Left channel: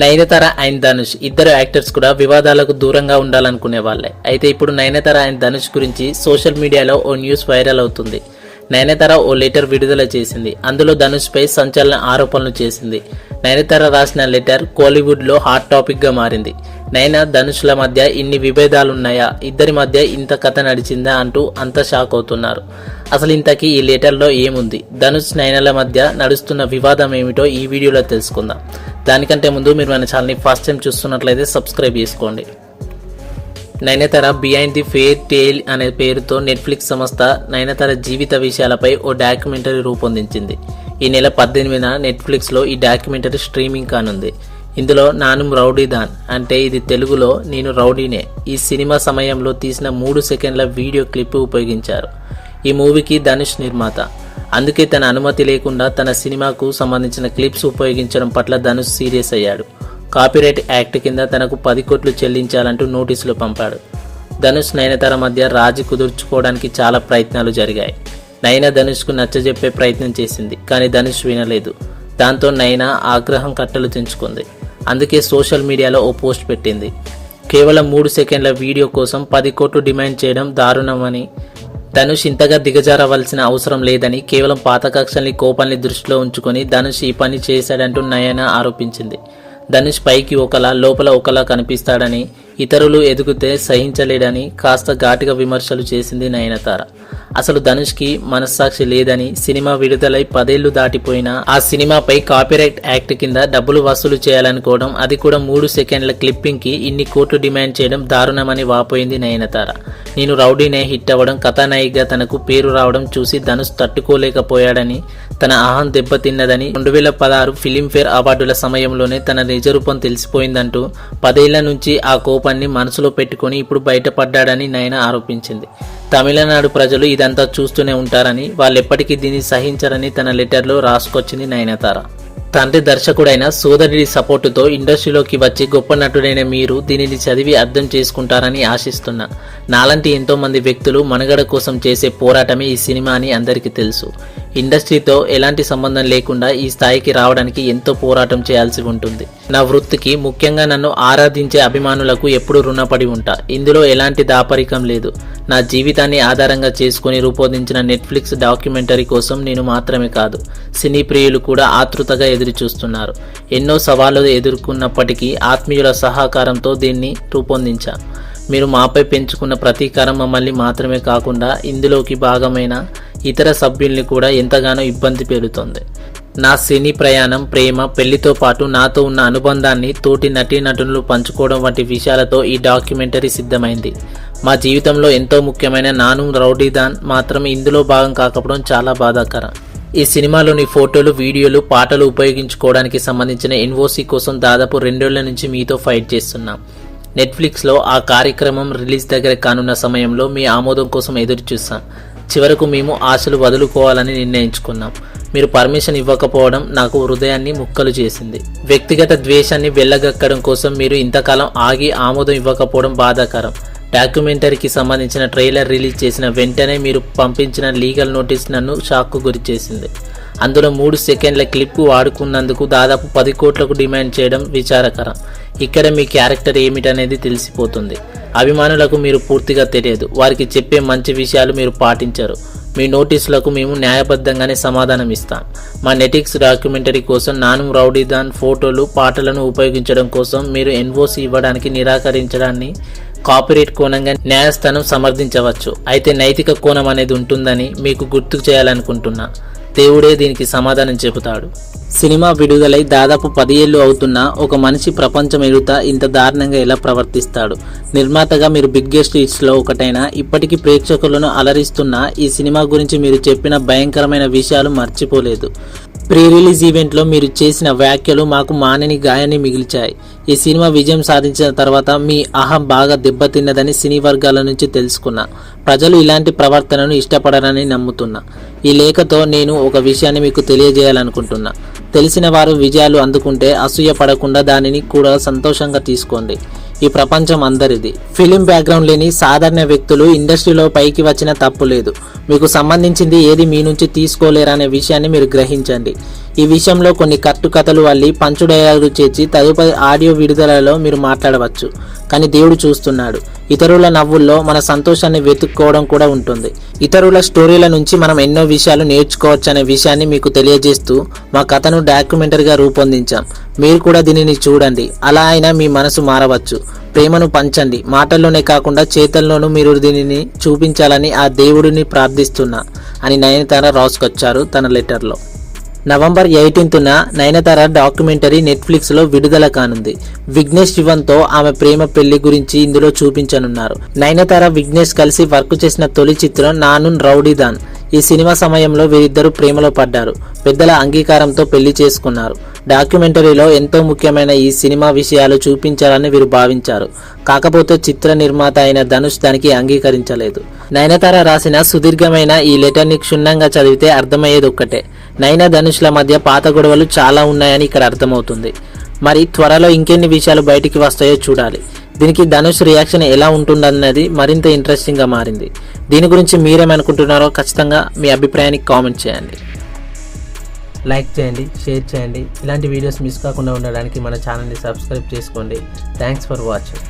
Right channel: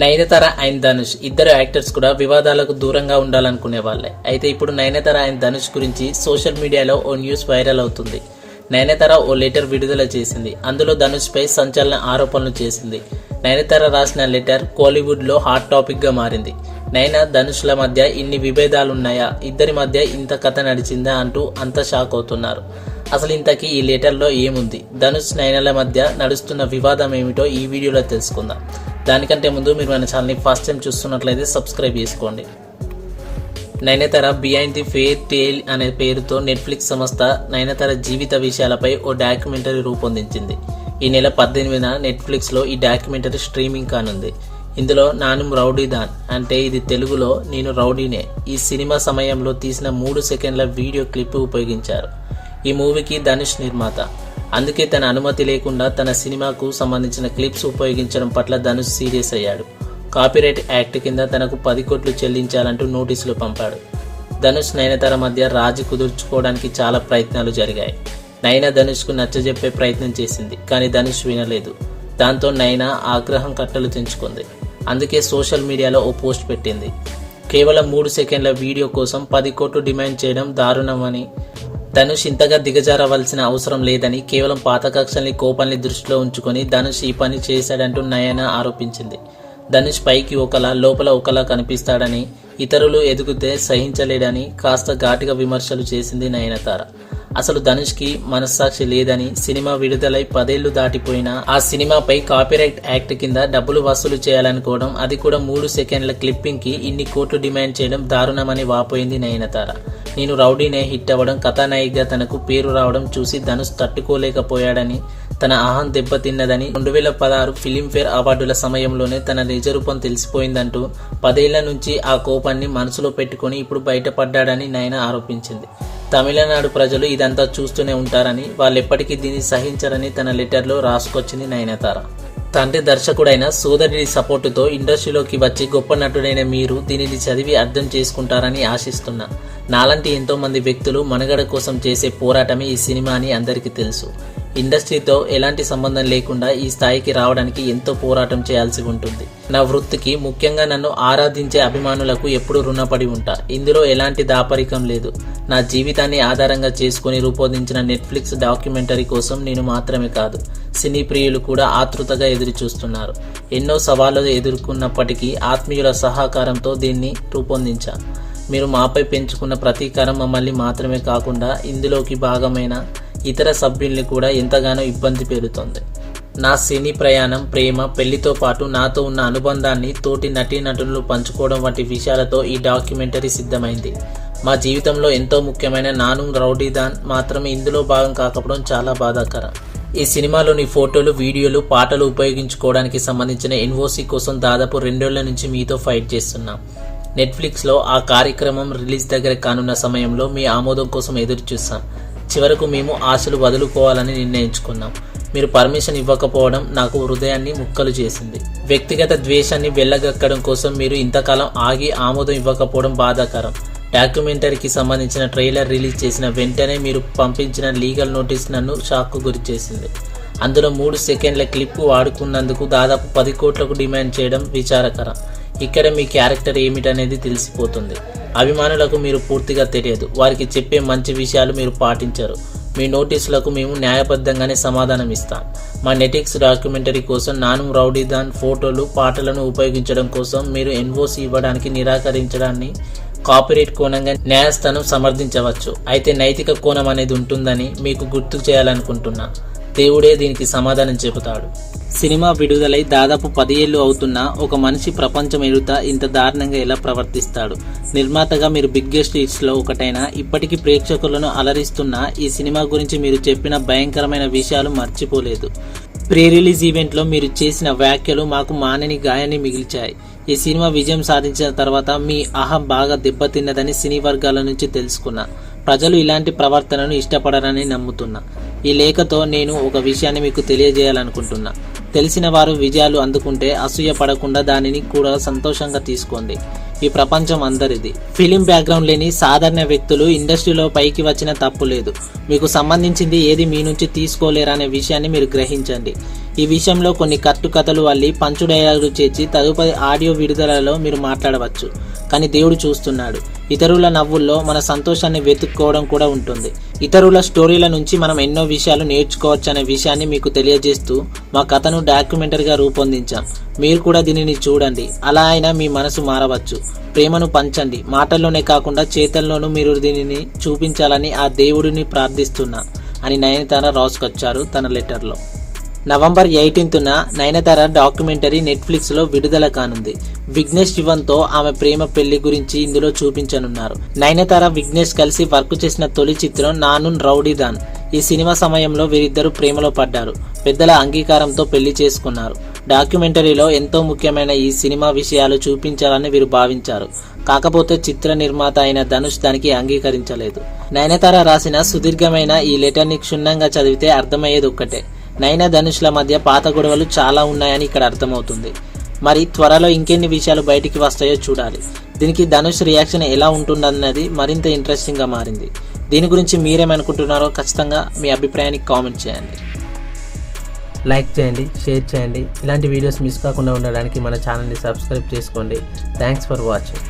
Nayanthara and Dhanush ఇద్దరు actors కూడా వివాదాలకు దూరంగా ఉండాలనుకునే వాళ్ళే. అయితే ఇప్పుడు నయనతార అండ్ ధనుష్ గురించి సోషల్ మీడియాలో ఓ న్యూస్ వైరల్ అవుతుంది. నయనతార ఓ లెటర్ విడుదల చేసింది. అందులో ధనుష్ పై సంచలన ఆరోపణలు చేసింది. నయనతార రాసిన లెటర్ కోలీవుడ్ లో హాట్ టాపిక్ గా మారింది. ధనుష్ల మధ్య ఇన్ని విభేదాలున్నాయా, ఇద్దరి మధ్య ఇంత కథ నడిచిందా అంటూ అంతా షాక్ అవుతున్నారు. అసలు ఇంతకీ ఈ లెటర్లో ఏముంది, ధనుష్ నయనల మధ్య నడుస్తున్న వివాదం ఏమిటో ఈ వీడియోలో తెలుసుకుందాం. దానికంటే ముందు మీరు మన ఛానల్ని ఫస్ట్ టైం చూస్తున్నట్లయితే సబ్స్క్రైబ్ చేసుకోండి. నయనతార బిహైండ్ ది ఫెయిర్ టేల్ అనే పేరుతో నెట్ఫ్లిక్స్ సంస్థ నయనతార జీవిత విషయాలపై ఓ డాక్యుమెంటరీ రూపొందించింది. ఈ నెల 18న నెట్ఫ్లిక్స్లో ఈ డాక్యుమెంటరీ స్ట్రీమింగ్ కానుంది. ఇందులో నాను రౌడీదాన్ అంటే ఇది తెలుగులో నేను రౌడీనే ఈ సినిమా సమయంలో తీసిన 3 సెకండ్ల వీడియో క్లిప్ ఉపయోగించారు. ఈ మూవీకి ధనుష్ నిర్మాత, అందుకే తన అనుమతి లేకుండా తన సినిమాకు సంబంధించిన క్లిప్స్ ఉపయోగించడం పట్ల ధనుష్ సీరియస్ అయ్యాడు. కాపీరైట్ యాక్ట్ కింద తనకు 10 కోట్లు చెల్లించాలంటూ నోటీసులు పంపాడు. ధనుష్ నయనతార మధ్య రాజీ కుదుర్చుకోవడానికి చాలా ప్రయత్నాలు జరిగాయి. నయన ధనుష్కు నచ్చజెప్పే ప్రయత్నం చేసింది, కానీ ధనుష్ వినలేదు. దాంతో నయన ఆగ్రహం కట్టలు తెంచుకుంది. అందుకే సోషల్ మీడియాలో ఓ పోస్ట్ పెట్టింది. కేవలం 3 సెకండ్ల వీడియో కోసం 10 కోట్లు డిమాండ్ చేయడం దారుణమని, ధనుష్ ఇంతగా దిగజారవలసిన అవసరం లేదని, కేవలం పాత కక్షల్ని కోపాన్ని దృష్టిలో ఉంచుకొని ధనుష్ ఈ పని చేశాడంటూ నయన ఆరోపించింది. ధనుష్ పైకి ఒకలా లోపల ఒకలా కనిపిస్తాడని, ఇతరులు ఎదుగుతే సహించలేడని కాస్త ఘాటుగా విమర్శలు చేసింది నయనతార. అసలు ధనుష్కి మనస్సాక్షి లేదని, సినిమా విడుదలై 10 ఏళ్లు దాటిపోయినా ఆ సినిమాపై కాపీరైట్ యాక్ట్ కింద డబ్బులు వసూలు చేయాలనుకోవడం, అది కూడా 3 సెకండ్ల క్లిప్పింగ్ కి ఇన్ని కోట్లు డిమాండ్ చేయడం దారుణమని వాపోయింది నయనతార. నేను రౌడీనే హిట్ అవ్వడం, కథానాయికగా తనకు పేరు రావడం చూసి ధనుష్ తట్టుకోలేకపోయాడని, తన అహం దెబ్బతిన్నదని, 2016 ఫిలింఫేర్ అవార్డుల సమయంలోనే తన నిజరూపం తెలిసిపోయిందంటూ 10 ఏళ్ల నుంచి ఆ కోపాన్ని మనసులో పెట్టుకుని ఇప్పుడు బయటపడ్డాడని నయన ఆరోపించింది. తమిళనాడు ప్రజలు ఇదంతా చూస్తూనే ఉంటారని, వాళ్ళెప్పటికీ దీన్ని సహించరని తన లెటర్లో రాసుకొచ్చింది నయనతార. తండ్రి దర్శకుడైన సోదరుడి సపోర్టుతో ఇండస్ట్రీలోకి వచ్చి గొప్ప నటుడైన మీరు దీనిని చదివి అర్థం చేసుకుంటారని ఆశిస్తున్నా. నాలాంటి ఎంతో మంది వ్యక్తులు మనుగడ కోసం చేసే పోరాటమే ఈ సినిమా అని అందరికీ తెలుసు. ఇండస్ట్రీతో ఎలాంటి సంబంధం లేకుండా ఈ స్థాయికి రావడానికి ఎంతో పోరాటం చేయాల్సి ఉంటుంది. నా వృత్తికి, ముఖ్యంగా నన్ను ఆరాధించే అభిమానులకు ఎప్పుడూ రుణపడి ఉంటా. ఇందులో ఎలాంటి దాపరికం లేదు. నా జీవితాన్ని ఆధారంగా చేసుకుని రూపొందించిన నెట్ఫ్లిక్స్ డాక్యుమెంటరీ కోసం నేను మాత్రమే కాదు, సినీ ప్రియులు కూడా ఆతృతగా ఎదురు చూస్తున్నారు. ఎన్నో సవాళ్లు ఎదుర్కొన్నప్పటికీ ఆత్మీయుల సహకారంతో దీన్ని రూపొందించాను. మీరు మాపై పెంచుకున్న ప్రతీకారం మమ్మల్ని మాత్రమే కాకుండా ఇందులోకి భాగమైన ఇతర సభ్యుల్ని కూడా ఎంతగానో ఇబ్బంది పెడుతోంది. నా సినీ ప్రయాణం, ప్రేమ, పెళ్లితో పాటు నాతో ఉన్న అనుబంధాన్ని తోటి నటీనటులు పంచుకోవడం వంటి విషయాలతో ఈ డాక్యుమెంటరీ సిద్ధమైంది. మా జీవితంలో ఎంతో ముఖ్యమైన నాను రౌడీదాన్ మాత్రం ఇందులో భాగం కాకపోవడం చాలా బాధాకరం. ఈ సినిమాలోని ఫోటోలు, వీడియోలు, పాటలు ఉపయోగించుకోవడానికి సంబంధించిన ఎన్ఓసి కోసం దాదాపు 2 ఏళ్ల నుంచి మీతో ఫైట్ చేస్తున్నాం. నెట్ఫ్లిక్స్లో ఆ కార్యక్రమం రిలీజ్ దగ్గర కానున్న సమయంలో మీ ఆమోదం కోసం ఎదురు చూస్తాం. చివరకు మేము ఆశలు వదులుకోవాలని నిర్ణయించుకున్నాం. మీరు పర్మిషన్ ఇవ్వకపోవడం నాకు హృదయాన్ని ముక్కలు చేసింది. వ్యక్తిగత ద్వేషాన్ని వెళ్ళగక్కడం కోసం మీరు ఇంతకాలం ఆగి ఆమోదం ఇవ్వకపోవడం బాధాకరం. డాక్యుమెంటరీకి సంబంధించిన ట్రైలర్ రిలీజ్ చేసిన వెంటనే మీరు పంపించిన లీగల్ నోటీస్ నన్ను షాక్కు గురి చేసింది. అందులో 3 సెకండ్ల క్లిప్ వాడుకున్నందుకు దాదాపు 10 కోట్లకు డిమాండ్ చేయడం విచారకరం. ఇక్కడ మీ క్యారెక్టర్ ఏమిటనేది తెలిసిపోతుంది. అభిమానులకు మీరు పూర్తిగా తెలియదు. వారికి చెప్పే మంచి విషయాలు మీరు పాటించరు. మీ నోటీసులకు మేము న్యాయబద్ధంగానే సమాధానం ఇస్తాం. మా నెట్ఫ్లిక్స్ డాక్యుమెంటరీ కోసం నాను రౌడీదాన్ ఫోటోలు, పాటలను ఉపయోగించడం కోసం మీరు ఎన్ఓసి ఇవ్వడానికి నిరాకరించడాన్ని కాపీరైట్ కోణంగా న్యాయస్థానం సమర్థించవచ్చు. అయితే నైతిక కోణం అనేది ఉంటుందని మీకు గుర్తు చేయాలనుకుంటున్నా. దేవుడే దీనికి సమాధానం చెబుతాడు. సినిమా విడుదలై దాదాపు 10 ఏళ్లు అవుతున్నా ఒక మనిషి ప్రపంచం ఎదుట ఇంత దారుణంగా ఎలా ప్రవర్తిస్తాడు? నిర్మాతగా మీరు బిగ్గెస్ట్ హిట్స్లో ఒకటైనా ఇప్పటికీ ప్రేక్షకులను అలరిస్తున్న ఈ సినిమా గురించి మీరు చెప్పిన భయంకరమైన విషయాలు మర్చిపోలేదు. ప్రీ రిలీజ్ ఈవెంట్లో మీరు చేసిన వ్యాఖ్యలు మాకు మానని గాయాన్ని మిగిల్చాయి. ఈ సినిమా విజయం సాధించిన తర్వాత మీ అహం బాగా దెబ్బతిన్నదని సినీ వర్గాల నుంచి తెలుసుకున్నా. ప్రజలు ఇలాంటి ప్రవర్తనను ఇష్టపడరని నమ్ముతున్నా. ఈ లేఖతో నేను ఒక విషయాన్ని మీకు తెలియజేయాలనుకుంటున్నా. తెలిసిన వారు విజయాలు అందుకుంటే అసూయ పడకుండా దానిని కూడా సంతోషంగా తీసుకోండి. ఈ ప్రపంచం అందరిది. ఫిలిం బ్యాక్గ్రౌండ్ లేని సాధారణ వ్యక్తులు ఇండస్ట్రీలో పైకి వచ్చిన తప్పు లేదు. మీకు సంబంధించింది ఏది మీ నుంచి తీసుకోలేరనే విషయాన్ని మీరు గ్రహించండి. ఈ విషయంలో కొన్ని కట్టుకథలు వల్లి పంచు డైలాగులు చేర్చి తదుపరి ఆడియో విడుదలలో మీరు మాట్లాడవచ్చు. కానీ దేవుడు చూస్తున్నాడు. ఇతరుల నవ్వుల్లో మన సంతోషాన్ని వెతుక్కోవడం కూడా ఉంటుంది. ఇతరుల స్టోరీల నుంచి మనం ఎన్నో విషయాలు నేర్చుకోవచ్చు అనే విషయాన్ని మీకు తెలియజేస్తూ మా కథను డాక్యుమెంటరీగా రూపొందించాం. మీరు కూడా దీనిని చూడండి. అలా అయినా మీ మనసు మారవచ్చు. ప్రేమను పంచండి. మాటల్లోనే కాకుండా చేతల్లోనూ మీరు దీనిని చూపించాలని ఆ దేవుడిని ప్రార్థిస్తున్నా అని నయనతార రాసుకొచ్చారు తన లెటర్లో. నవంబర్ 18న నయనతార డాక్యుమెంటరీ నెట్ఫ్లిక్స్లో విడుదల కానుంది. విఘ్నేష్ శివన్తో ఆమె ప్రేమ పెళ్లి గురించి ఇందులో చూపించనున్నారు. నయనతార విఘ్నేష్ కలిసి వర్క్ చేసిన తొలి చిత్రం నానున్ రౌడీదాన్. ఈ సినిమా సమయంలో వీరిద్దరూ ప్రేమలో పడ్డారు. పెద్దల అంగీకారంతో పెళ్లి చేసుకున్నారు. డాక్యుమెంటరీలో ఎంతో ముఖ్యమైన ఈ సినిమా విషయాలు చూపించాలని వీరు భావించారు. కాకపోతే చిత్ర నిర్మాత అయిన ధనుష్ దానికి అంగీకరించలేదు. నయనతార రాసిన సుదీర్ఘమైన ఈ లెటర్ని క్షుణ్ణంగా చదివితే అర్థమయ్యేది ఒక్కటే, నయన ధనుష్ల మధ్య పాత గొడవలు చాలా ఉన్నాయని ఇక్కడ అర్థమవుతుంది. మరి త్వరలో ఇంకెన్ని విషయాలు బయటికి వస్తాయో చూడాలి. దీనికి ధనుష్ రియాక్షన్ ఎలా ఉంటుందన్నది మరింత ఇంట్రెస్టింగ్గా మారింది. దీని గురించి మీరేమనుకుంటున్నారో ఖచ్చితంగా మీ అభిప్రాయాన్ని కామెంట్ చేయండి. లైక్ చేయండి, షేర్ చేయండి. ఇలాంటి వీడియోస్ మిస్ కాకుండా ఉండడానికి మన ఛానల్ని సబ్స్క్రైబ్ చేసుకోండి. Thanks for watching.